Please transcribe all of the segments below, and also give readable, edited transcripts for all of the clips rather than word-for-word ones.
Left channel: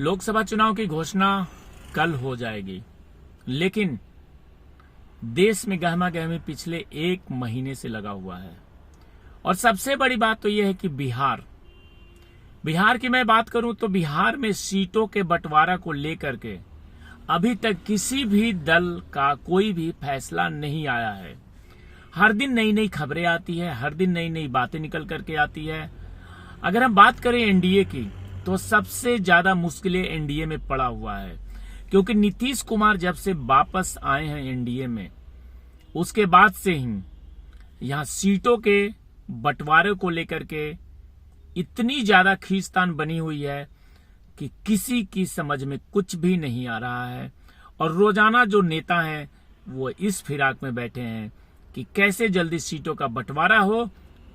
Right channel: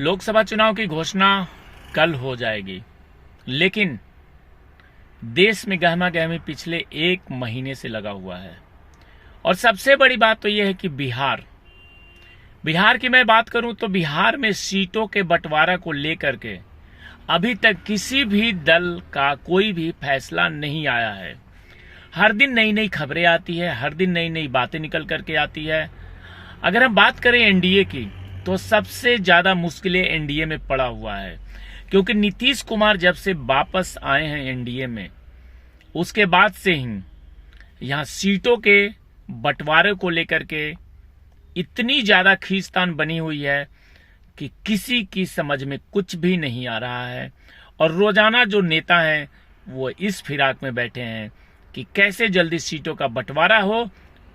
लोकसभा चुनाव की घोषणा कल हो जाएगी, लेकिन देश में गहमा गहमी पिछले 1 महीने से लगा हुआ है। और सबसे बड़ी बात तो यह है कि बिहार की मैं बात करूं तो बिहार में सीटों के बंटवारा को लेकर के अभी तक किसी भी दल का कोई भी फैसला नहीं आया है। हर दिन नई नई खबरें आती है, हर दिन नई नई बातें निकल करके आती है। अगर हम बात करें एनडीए की तो सबसे ज्यादा मुश्किलें एनडीए में पड़ा हुआ है, क्योंकि नीतीश कुमार जब से वापस आए हैं एनडीए में, उसके बाद से ही यहां सीटों के बंटवारे को लेकर के इतनी ज्यादा खींचतान बनी हुई है कि किसी की समझ में कुछ भी नहीं आ रहा है। और रोजाना जो नेता हैं वो इस फिराक में बैठे हैं कि कैसे जल्दी सीटों का बंटवारा हो,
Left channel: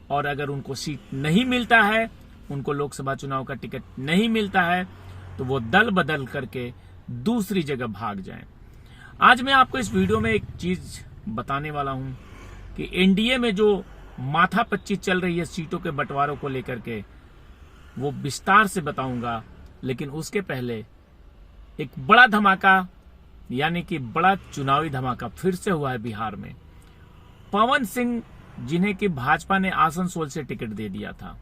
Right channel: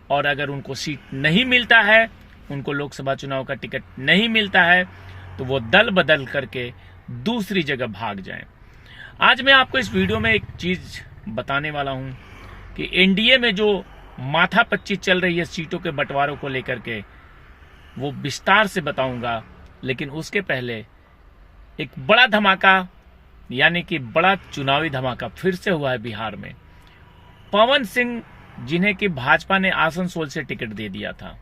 और अगर उनको सीट नहीं मिलता है, उनको लोकसभा चुनाव का टिकट नहीं मिलता है, तो वो दल बदल करके दूसरी जगह भाग जाएं। आज मैं आपको इस वीडियो में एक चीज बताने वाला हूं कि एनडीए में जो माथापच्ची चल रही है सीटों के बंटवारों को लेकर के, वो विस्तार से बताऊंगा। लेकिन उसके पहले एक बड़ा धमाका, यानी कि बड़ा चुनावी धमाका फिर से हुआ है बिहार में। पवन सिंह, जिन्हें कि भाजपा ने आसनसोल से टिकट दे दिया था,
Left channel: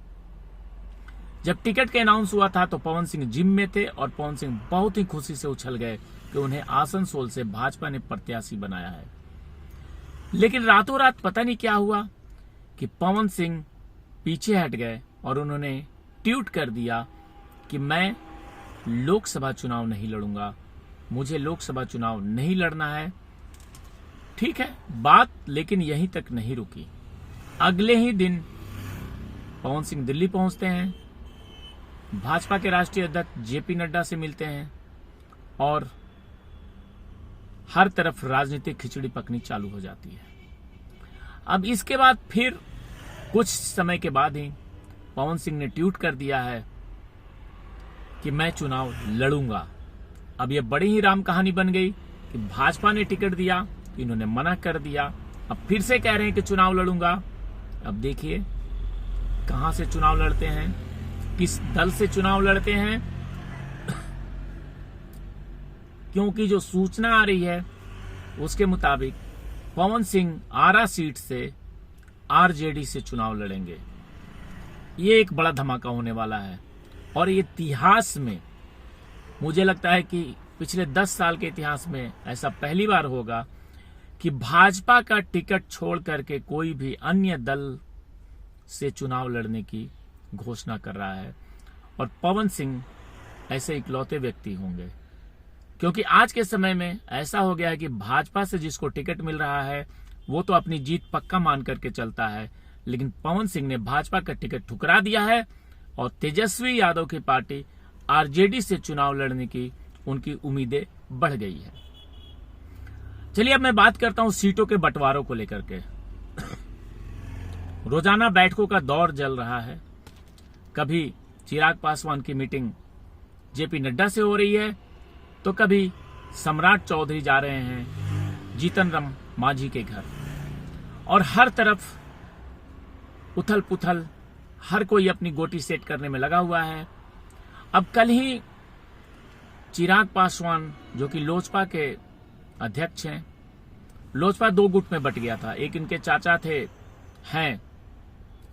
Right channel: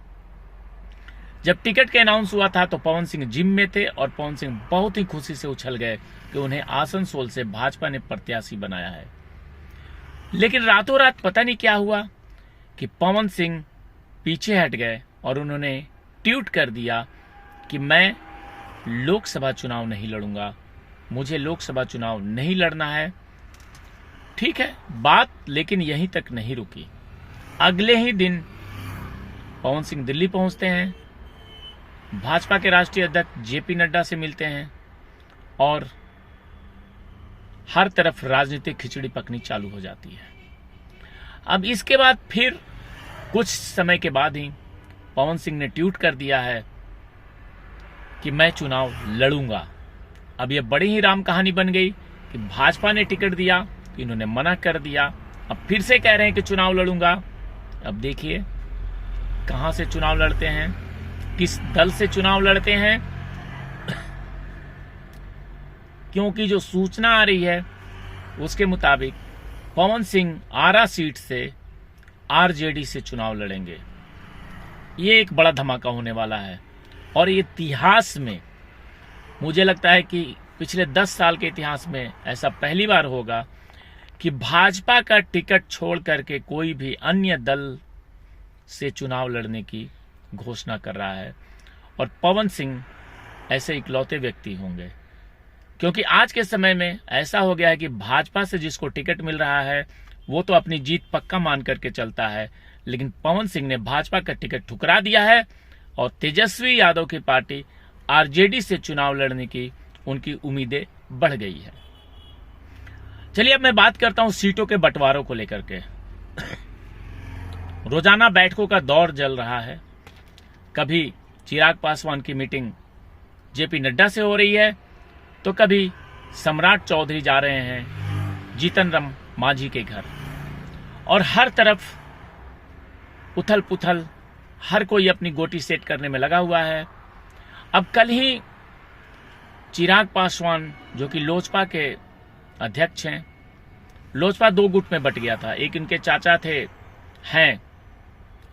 जब टिकट का अनाउंस हुआ था तो पवन सिंह जिम में थे और पवन सिंह बहुत ही खुशी से उछल गए कि उन्हें आसनसोल से भाजपा ने प्रत्याशी बनाया है। लेकिन रातों रात पता नहीं क्या हुआ कि पवन सिंह पीछे हट गए और उन्होंने ट्वीट कर दिया कि मैं लोकसभा चुनाव नहीं लड़ूंगा, मुझे लोकसभा चुनाव नहीं लड़ना है। ठीक है, बात लेकिन यहीं तक नहीं रुकी। अगले ही दिन पवन सिंह दिल्ली पहुंचते हैं, भाजपा के राष्ट्रीय अध्यक्ष जेपी नड्डा से मिलते हैं और हर तरफ राजनीतिक खिचड़ी पकनी चालू हो जाती है। अब इसके बाद फिर कुछ समय के बाद ही पवन सिंह ने ट्वीट कर दिया है कि मैं चुनाव लड़ूंगा। अब यह बड़ी ही राम कहानी बन गई कि भाजपा ने टिकट दिया तो इन्होंने मना कर दिया, अब फिर से कह रहे हैं कि चुनाव लड़ूंगा। अब देखिए कहां से चुनाव लड़ते हैं, किस दल से चुनाव लड़ते हैं, क्योंकि जो सूचना आ रही है उसके मुताबिक पवन सिंह आरा सीट से आरजेडी से चुनाव लड़ेंगे। ये एक बड़ा धमाका होने वाला है और ये इतिहास में मुझे लगता है कि पिछले 10 साल के इतिहास में ऐसा पहली बार होगा कि भाजपा का टिकट छोड़ करके कोई भी अन्य दल से चुनाव लड़ने की घोषणा कर रहा है। और पवन सिंह ऐसे इकलौते व्यक्ति होंगे, क्योंकि आज के समय में ऐसा हो गया है कि भाजपा से जिसको टिकट मिल रहा है वो तो अपनी जीत पक्का मान करके चलता है, लेकिन पवन सिंह ने भाजपा का टिकट ठुकरा दिया है और तेजस्वी यादव की पार्टी आरजेडी से चुनाव लड़ने की उनकी उम्मीदें बढ़ गई है। चलिए अब मैं बात करता हूं सीटों के बंटवारों को लेकर के। रोजाना बैठकों का दौर चल रहा है। कभी चिराग पासवान की मीटिंग जेपी नड्डा से हो रही है, तो कभी सम्राट चौधरी जा रहे हैं जीतन राम मांझी के घर, और हर तरफ उथल पुथल, हर कोई अपनी गोटी सेट करने में लगा हुआ है। अब कल ही चिराग पासवान, जो कि लोजपा के अध्यक्ष हैं, लोजपा 2 गुट में बट गया था। एक इनके चाचा हैं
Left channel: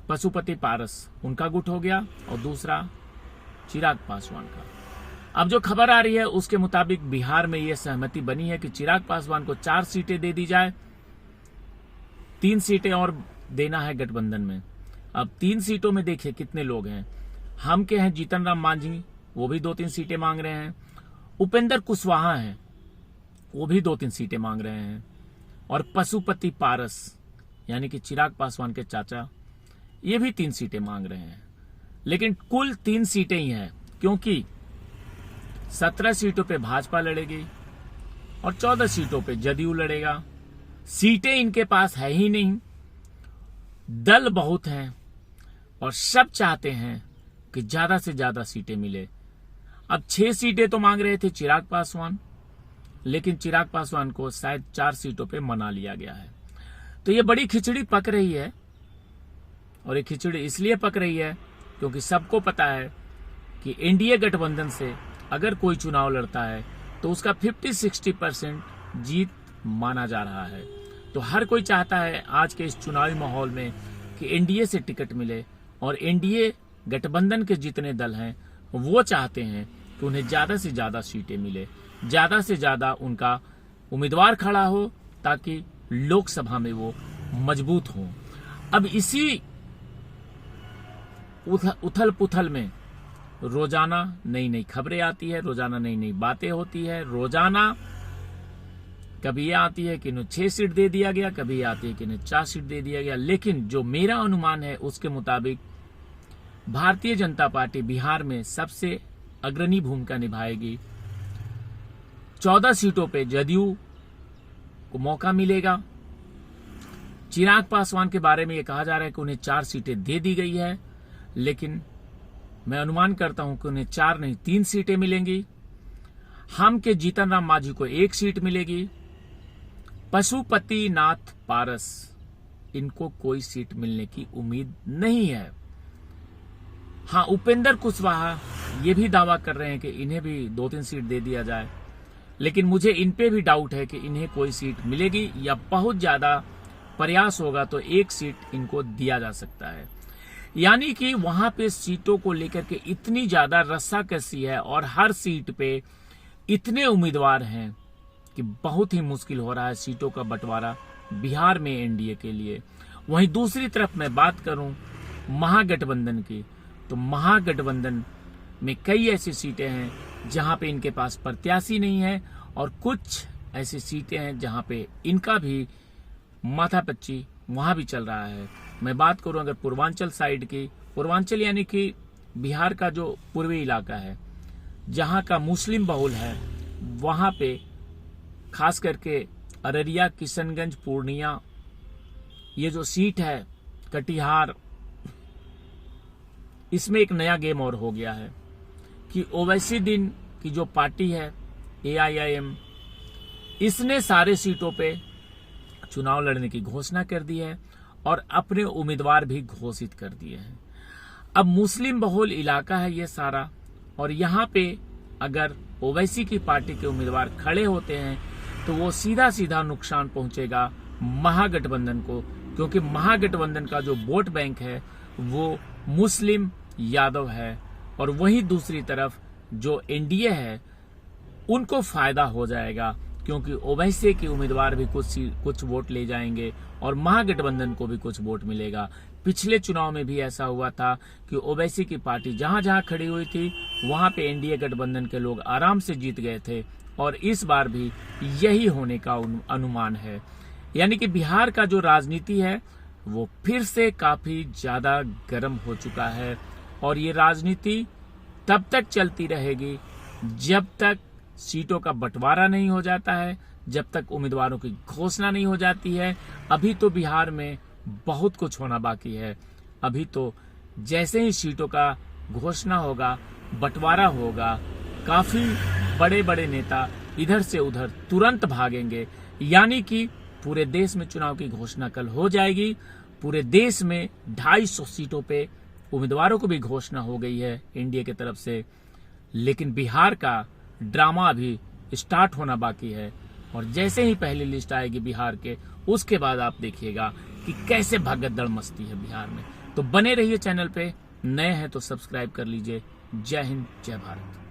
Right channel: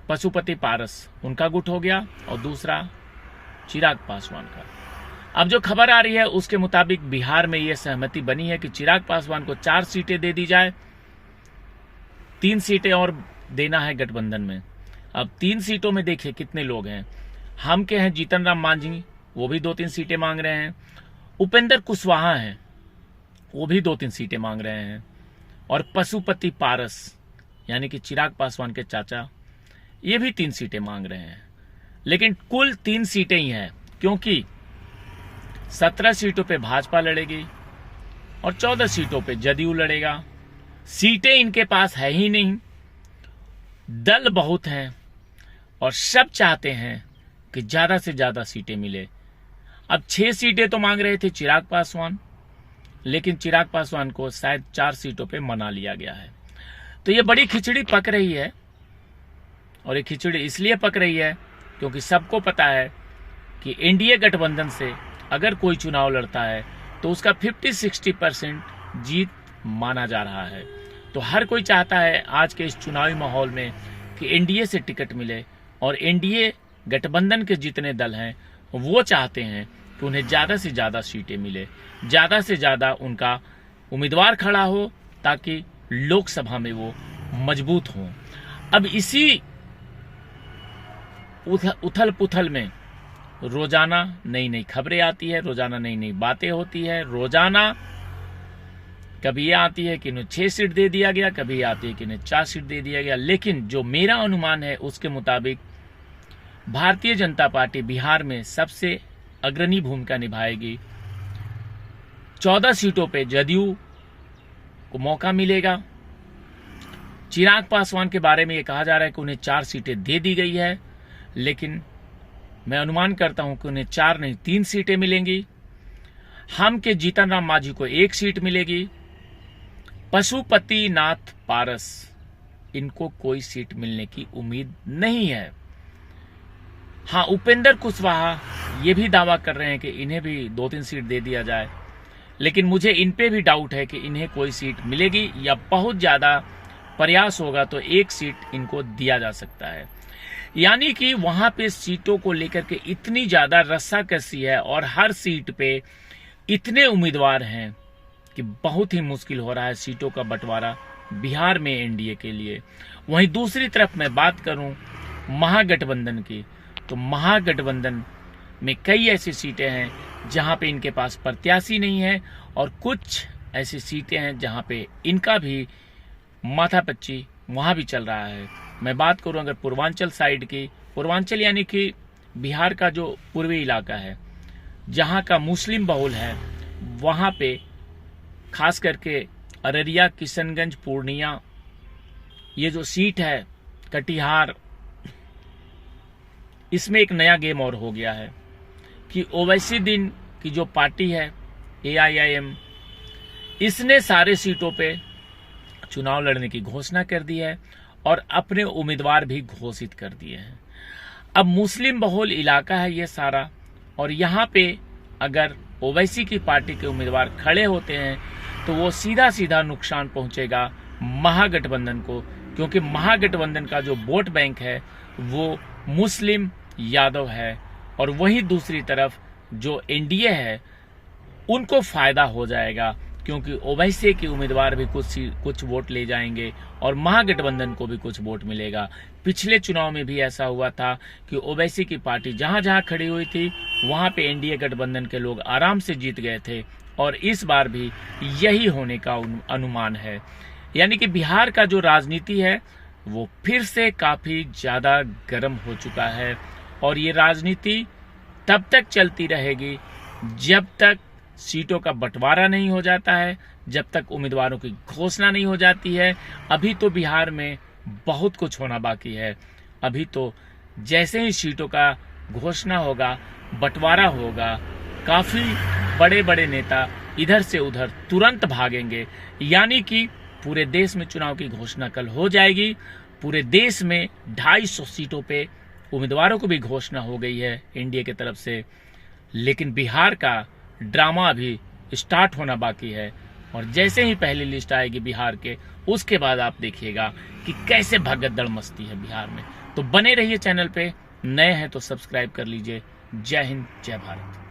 पशुपति पारस, उनका गुट हो गया, और दूसरा चिराग पासवान का। अब जो खबर आ रही है उसके मुताबिक बिहार में यह सहमति बनी है कि चिराग पासवान को 4 सीटें दे दी जाए, 3 सीटें और देना है गठबंधन में। अब 3 सीटों में देखिए कितने लोग हैं। हम के हैं जीतन राम मांझी, वो भी 2-3 सीटें मांग रहे हैं। उपेंद्र कुशवाहा हैं, वो भी 2-3 सीटें मांग रहे हैं। और पशुपति पारस, यानी कि चिराग पासवान के चाचा, ये भी 3 सीटें मांग रहे हैं। लेकिन कुल 3 सीटें ही हैं, क्योंकि 17 सीटों पे भाजपा लड़ेगी और 14 सीटों पे जदयू लड़ेगा। सीटें इनके पास है ही नहीं, दल बहुत हैं और सब चाहते हैं कि ज्यादा से ज्यादा सीटें मिले। अब 6 सीटें तो मांग रहे थे चिराग पासवान, लेकिन चिराग पासवान को शायद 4 सीटों पे मना लिया गया है। तो ये बड़ी खिचड़ी पक रही है, और ये खिचड़ी इसलिए पक रही है क्योंकि सबको पता है कि एनडीए गठबंधन से अगर कोई चुनाव लड़ता है तो उसका 50-60% जीत माना जा रहा है। तो हर कोई चाहता है आज के इस चुनावी माहौल में कि एनडीए से टिकट मिले, और एनडीए गठबंधन के जितने दल हैं वो चाहते हैं कि उन्हें ज़्यादा से ज़्यादा सीटें मिले, ज़्यादा से ज़्यादा उनका उम्मीदवार खड़ा हो, ताकि लोकसभा में वो मजबूत हों। अब इसी उथल पुथल में रोजाना नई नई खबरें आती है, रोजाना नई नई बातें होती है। रोजाना कभी ये आती है कि इन्हें 6 सीट दे दिया गया, कभी ये आती है कि इन्हें 4 सीट दे दिया गया। लेकिन जो मेरा अनुमान है उसके मुताबिक भारतीय जनता पार्टी बिहार में सबसे अग्रणी भूमिका निभाएगी। 14 सीटों पे जदयू को मौका मिलेगा। चिराग पासवान के बारे में ये कहा जा रहा है कि उन्हें 4 सीटें दे दी गई है, लेकिन मैं अनुमान करता हूं कि उन्हें 4 नहीं 3 सीटें मिलेंगी। हम के जीतन राम मांझी को 1 सीट मिलेगी। पशुपति नाथ पारस, इनको कोई सीट मिलने की उम्मीद नहीं है। हाँ, उपेंद्र कुशवाहा ये भी दावा कर रहे हैं कि इन्हें भी 2-3 सीट दे दिया जाए, लेकिन मुझे इन पे भी डाउट है कि इन्हें कोई सीट मिलेगी, या बहुत ज्यादा प्रयास होगा तो 1 सीट इनको दिया जा सकता है। यानी कि वहां पे सीटों को लेकर के इतनी ज्यादा रस्साकसी है और हर सीट पे इतने उम्मीदवार हैं कि बहुत ही मुश्किल हो रहा है सीटों का बंटवारा बिहार में एनडीए के लिए। वहीं दूसरी तरफ मैं बात करूं महागठबंधन की, तो महागठबंधन में कई ऐसी सीटें हैं जहां पे इनके पास प्रत्याशी नहीं है, और कुछ ऐसी सीटें हैं जहां पे इनका भी माथापच्ची वहां भी चल रहा है। मैं बात करूं अगर पूर्वांचल साइड की, पूर्वांचल यानी कि बिहार का जो पूर्वी इलाका है जहां का मुस्लिम बहुल है, वहां पे खास करके अररिया, किशनगंज, पूर्णिया, ये जो सीट है कटिहार, इसमें एक नया गेम और हो गया है कि ओवैसी दिन की जो पार्टी है AIIM, इसने सारे सीटों पे चुनाव लड़ने की घोषणा कर दी है और अपने उम्मीदवार भी घोषित कर दिए हैं। अब मुस्लिम बहुल इलाका है ये सारा, और यहाँ पे अगर ओवैसी की पार्टी के उम्मीदवार खड़े होते हैं तो वो सीधा सीधा नुकसान पहुंचेगा महागठबंधन को, क्योंकि महागठबंधन का जो वोट बैंक है वो मुस्लिम यादव है, और वहीं दूसरी तरफ जो एनडीए है उनको फायदा हो जाएगा, क्योंकि ओवैसी के उम्मीदवार भी कुछ वोट ले जाएंगे और महागठबंधन को भी कुछ वोट मिलेगा। पिछले चुनाव में भी ऐसा हुआ था कि ओवैसी की पार्टी जहां जहां खड़ी हुई थी वहां पे एनडीए गठबंधन के लोग आराम से जीत गए थे, और इस बार भी यही होने का अनुमान है। यानी कि बिहार का जो राजनीति है वो फिर से काफी ज्यादा गर्म हो चुका है, और ये राजनीति तब तक चलती रहेगी जब तक सीटों का बंटवारा नहीं हो जाता है, जब तक उम्मीदवारों की घोषणा नहीं हो जाती है। अभी तो बिहार में बहुत कुछ होना बाकी है। अभी तो जैसे ही सीटों का घोषणा होगा, बंटवारा होगा, काफी बड़े बड़े नेता इधर से उधर तुरंत भागेंगे। यानी कि पूरे देश में चुनाव की घोषणा कल हो जाएगी। पूरे देश में 250 सीटों पे उम्मीदवारों को भी घोषणा हो गई है एनडीए की तरफ से, लेकिन बिहार का ड्रामा अभी स्टार्ट होना बाकी है। और जैसे ही पहली लिस्ट आएगी बिहार के, उसके बाद आप देखिएगा कि कैसे भगदड़ मचती है बिहार में। तो बने रहिए चैनल पे, नए हैं तो सब्सक्राइब कर लीजिए। जय हिंद, जय भारत।